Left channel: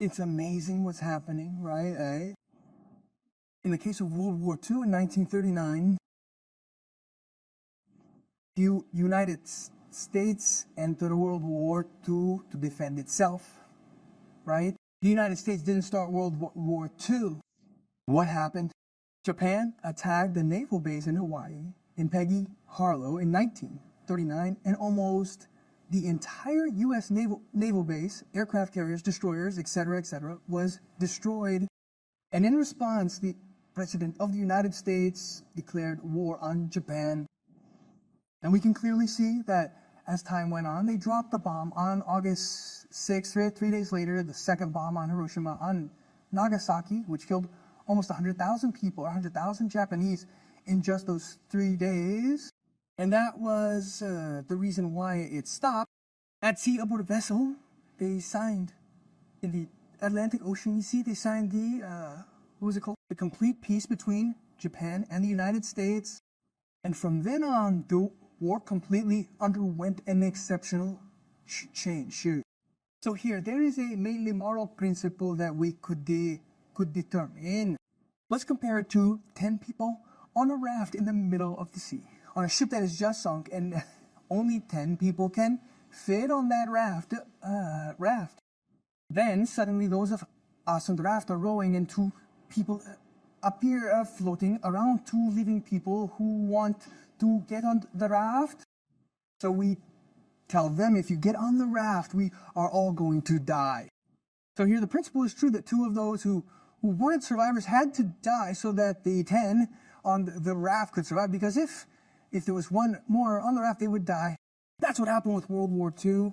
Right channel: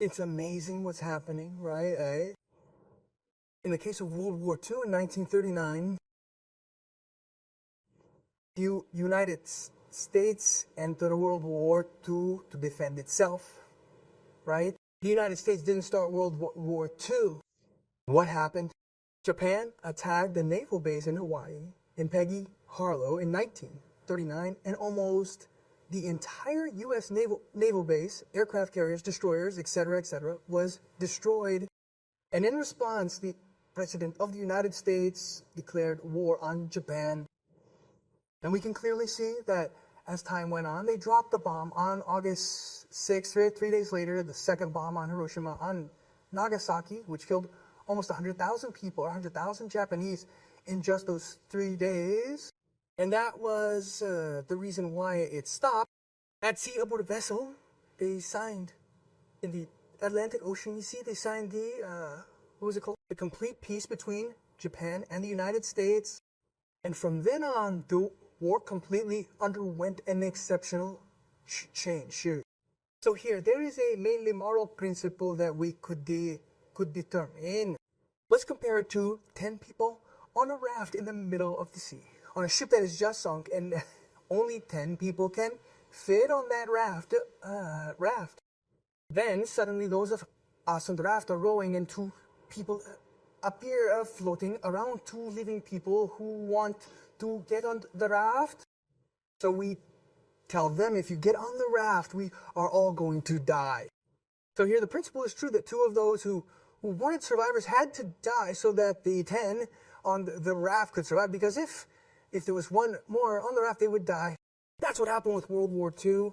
It's amazing what's happening, right? In the case of World War II in 1939, the United States entered World War II to defend itself, right? The United States didn't start World War II. What happened? Japan attacked the naval base in Hawaii, in Peggy Harlow, in 1939, and almost the entire U.S. naval base, aircraft carriers, destroyers, etc., was destroyed. And in response, the President of the United States declared war on Japan. And we can clearly see that as time went on, they dropped the bomb on August 6th, 3 days later, the second bomb on Hiroshima, on Nagasaki, which killed almost 100,000 people, 100,000 Japanese in just those 3 days. And that was the reason why it stopped. At sea aboard a vessel, they signed, in the Atlantic Ocean, you see, they signed the, what was it called? The complete peace between Japan and the United States. And from then on, the war completely underwent an exceptional change. So here, there is a mainly moral principle that we could determine. Let's compare it to 10 people on a raft in the middle of the sea, on a ship that is just sunk, and only 10 people can fit on that raft. Then suddenly those of us on the raft are rowing, and two people appear floating around, two living people who want to get on the raft. So we tell them, if you get on the raft, we are all going to die. So here the principle is true that two of those who weren't survivors had to die so that the 10 on the raft could survive, because if there was one more on the raft, they would die. That's what happened with World War II,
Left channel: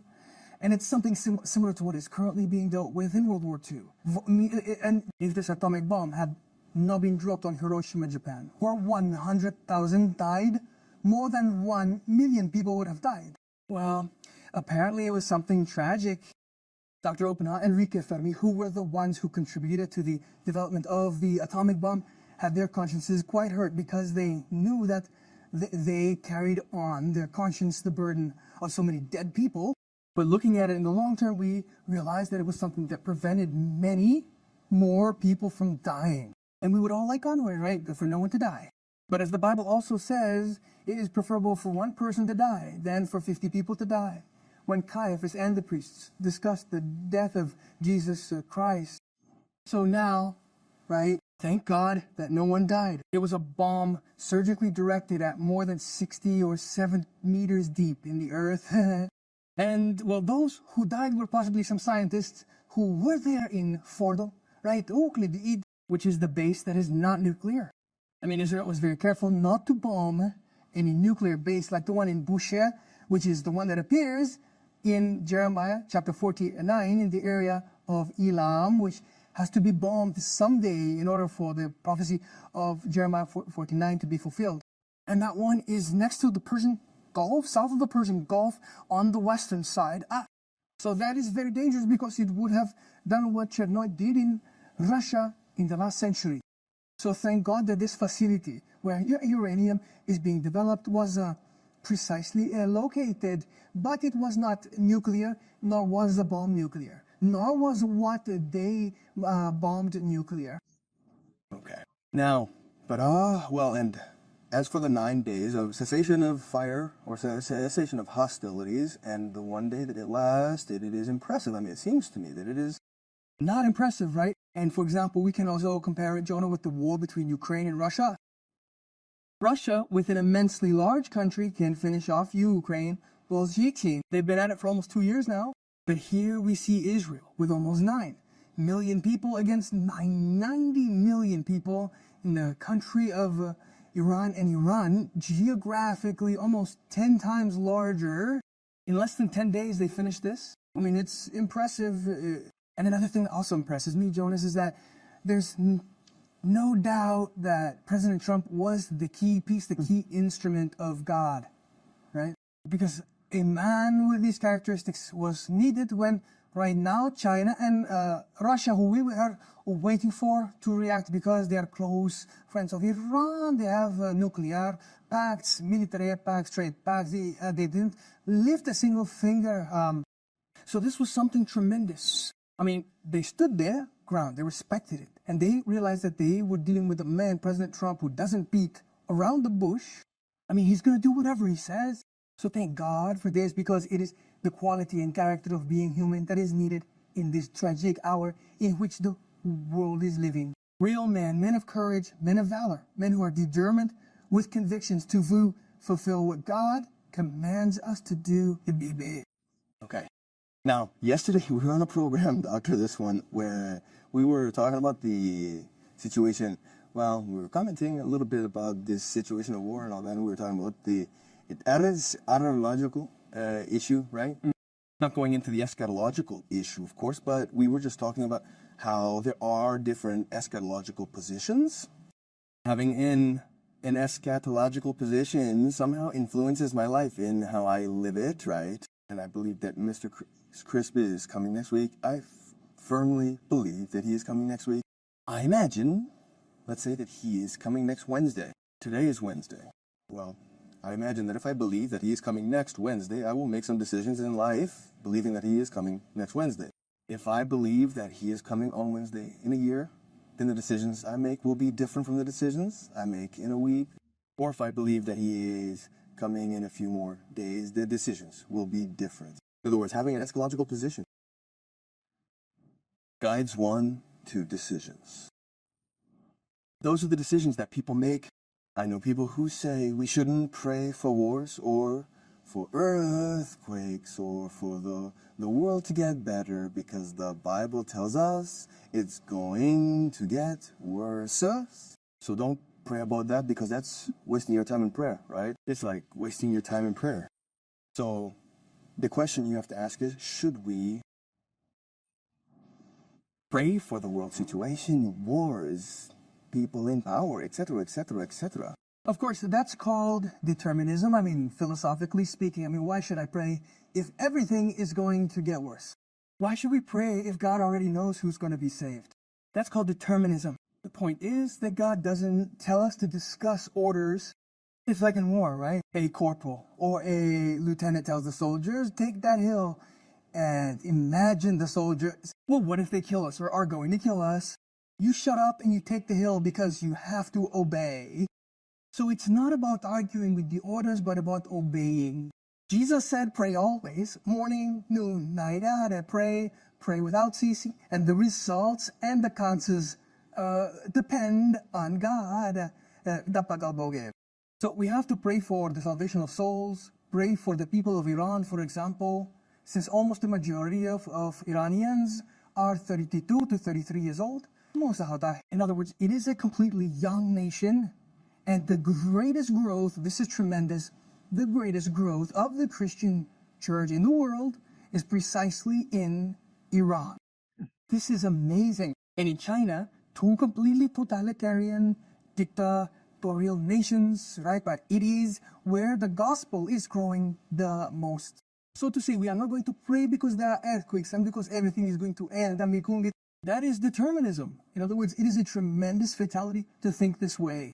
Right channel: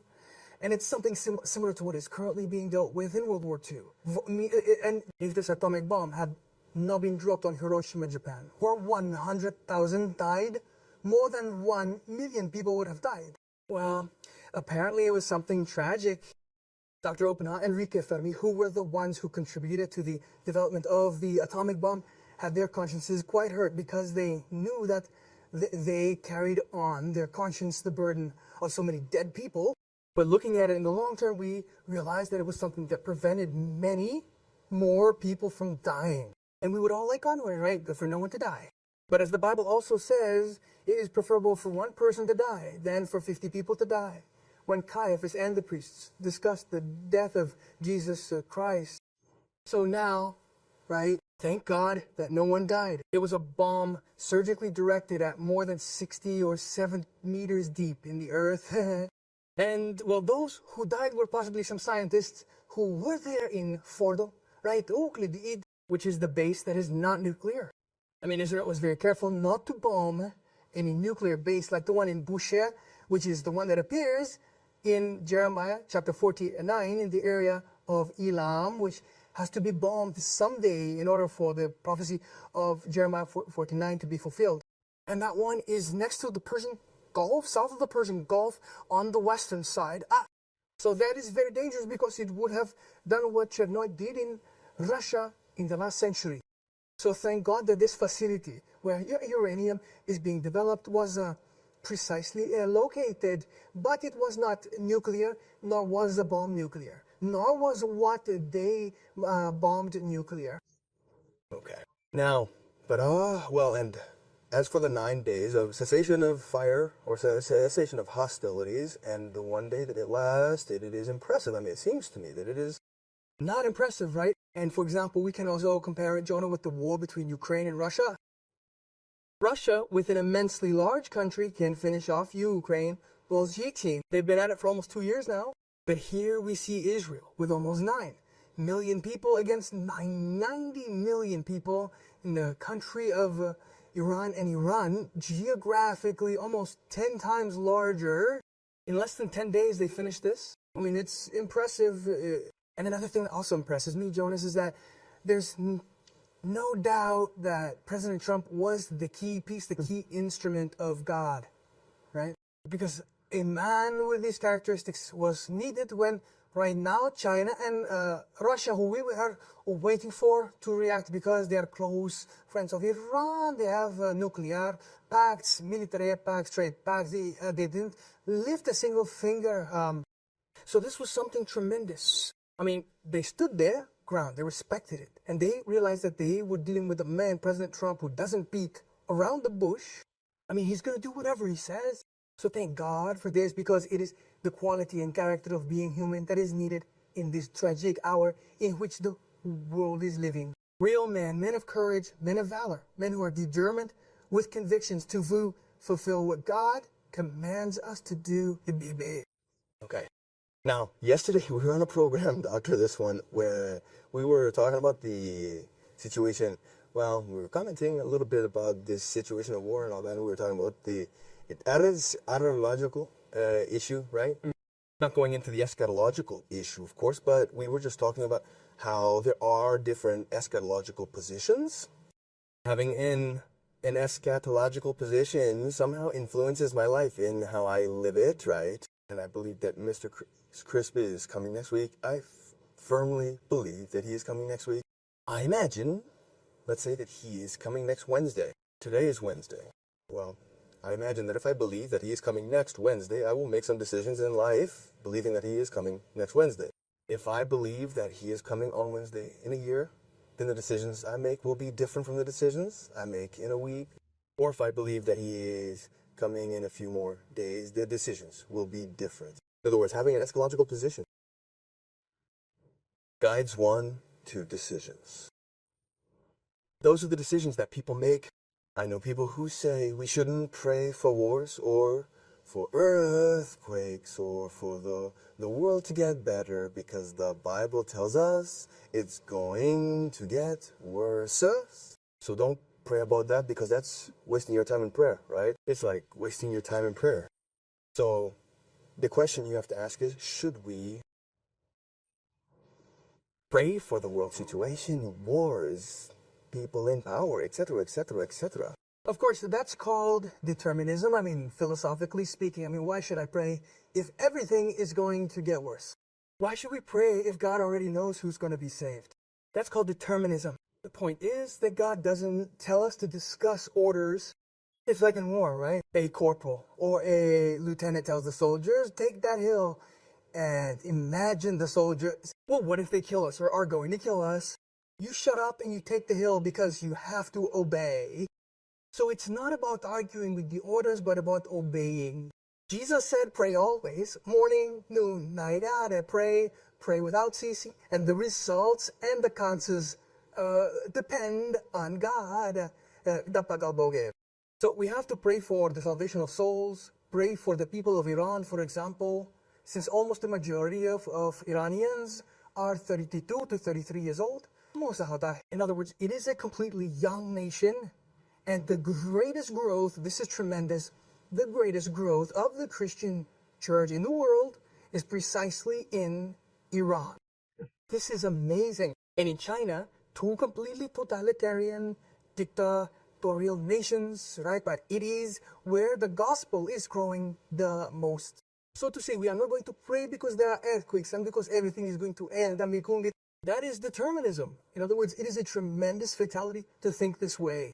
and it's something similar to what is currently being dealt with in World War II. And if this atomic bomb had not been dropped on Hiroshima, Japan, where 100,000 died, more than 1 million people would have died. Well, apparently it was something tragic. Dr. Oppenheimer and Enrique Fermi, who were the ones who contributed to the development of the atomic bomb, had their consciences quite hurt because they knew that they carried on their conscience the burden of so many dead people. But looking at it in the long term, we realized that it was something that prevented many more people from dying. And we would all like onward, right? For no one to die. But as the Bible also says, it is preferable for one person to die than for 50 people to die. When Caiaphas and the priests discussed the death of Jesus Christ. So now, right, thank God that no one died. It was a bomb surgically directed at more than 60 or 7 meters deep in the earth. And, well, those who died were possibly some scientists who were there in Fordo, right, Euclid, which is the base that is not nuclear. I mean, Israel was very careful not to bomb any nuclear base like the one in Bushehr, which is the one that appears in Jeremiah chapter 49 in the area of Elam, which has to be bombed someday in order for the prophecy of Jeremiah 49 to be fulfilled. And that one is next to the Persian Gulf, south of the Persian Gulf, on the western side. So that is very dangerous because it would have done what Chernobyl did in Russia in the last century. So thank God that this facility where uranium is being developed was precisely located, but it was not nuclear, nor was the bomb nuclear, nor was what they bombed nuclear. Okay. Now, but and as for the 9 days of cessation of fire or cessation of hostilities and the 1 day that it lasted, it is impressive. I mean, it seems to me that it is not impressive, right? And for example, we can also compare it, Jonah, with the war between Ukraine and Russia. Russia, with an immensely large country, can finish off Ukraine. Well, they've been at it for almost 2 years now. But here we see Israel with almost 9 million people against 90 million people in the country of Iran. And Iran, geographically almost 10 times larger. In less than 10 days, they finished this. I mean, it's impressive. And another thing that also impresses me, Jonas, is that there's no doubt that President Trump was the key piece, the key instrument of God, right? Because a man with these characteristics was needed when right now China and Russia, who we are waiting for to react because they are close friends of Iran, they have nuclear pacts, military pacts, trade pacts, they didn't lift a single finger. So this was something tremendous. I mean, they stood their ground, they respected it, and they realized that they were dealing with a man, President Trump, who doesn't beat around the bush. I mean, he's going to do whatever he says. So thank God for this, because it is the quality and character of being human that is needed in this tragic hour in which the world is living. Real men of courage, men of valor, men who are determined with convictions to fulfill what God commands us to do. Okay. Now, yesterday we were on a program, Doctor, this one, where we were talking about the situation. Well, we were commenting a little bit about this situation of war and all that, and we were talking about the eschatological issue, right? Not going into the eschatological issue, of course, but we were just talking about how there are different eschatological positions. Having an eschatological position somehow influences my life in how I live it, right? And I believe that Mr. Crisp is coming next week. I firmly believe that he is coming next week. I imagine, let's say that he is coming next Wednesday. Today is Wednesday. Well, I imagine that if I believe that he is coming next Wednesday, I will make some decisions in life believing that he is coming next Wednesday. If I believe that he is coming on Wednesday in a year, then the decisions I make will be different from the decisions I make in a week. Or if I believe that he is coming in a few more days, the decisions will be different. In other words, having an eschatological position guides one to decisions. Those are the decisions that people make. I know people who say we shouldn't pray for wars or for earthquakes or for the world to get better because the Bible tells us it's going to get worse. So don't pray about that because that's wasting your time in prayer, right? It's like wasting your time in prayer. So the question you have to ask is, should we pray for the world situation, wars, people in power, etc., etc., etc.? Of course, that's called determinism. I mean, philosophically speaking, I mean, why should I pray if everything is going to get worse? Why should we pray if God already knows who's going to be saved? That's called determinism. The point is that God doesn't tell us to discuss orders. It's like in war, right? A corporal or a lieutenant tells the soldiers, take that hill. And imagine the soldiers, well, what if they kill us or are going to kill us? You shut up and you take the hill because you have to obey. So it's not about arguing with the orders, but about obeying. Jesus said, pray always, morning, noon, night out, and pray without ceasing. And the results and the consequences depend on God. So we have to pray for the salvation of souls, pray for the people of Iran, for example, since almost the majority of Iranians are 32 to 33 years old. In other words, it is a completely young nation, and the greatest growth, this is tremendous, the greatest growth of the Christian church in the world is precisely in Iran. This is amazing. And in China, two completely totalitarian, dictatorial nations, right? But it is where the gospel is growing the most. So to say we are not going to pray because there are earthquakes and because everything is going to end, that is determinism. In other words, it is a tremendous fatality to think this way.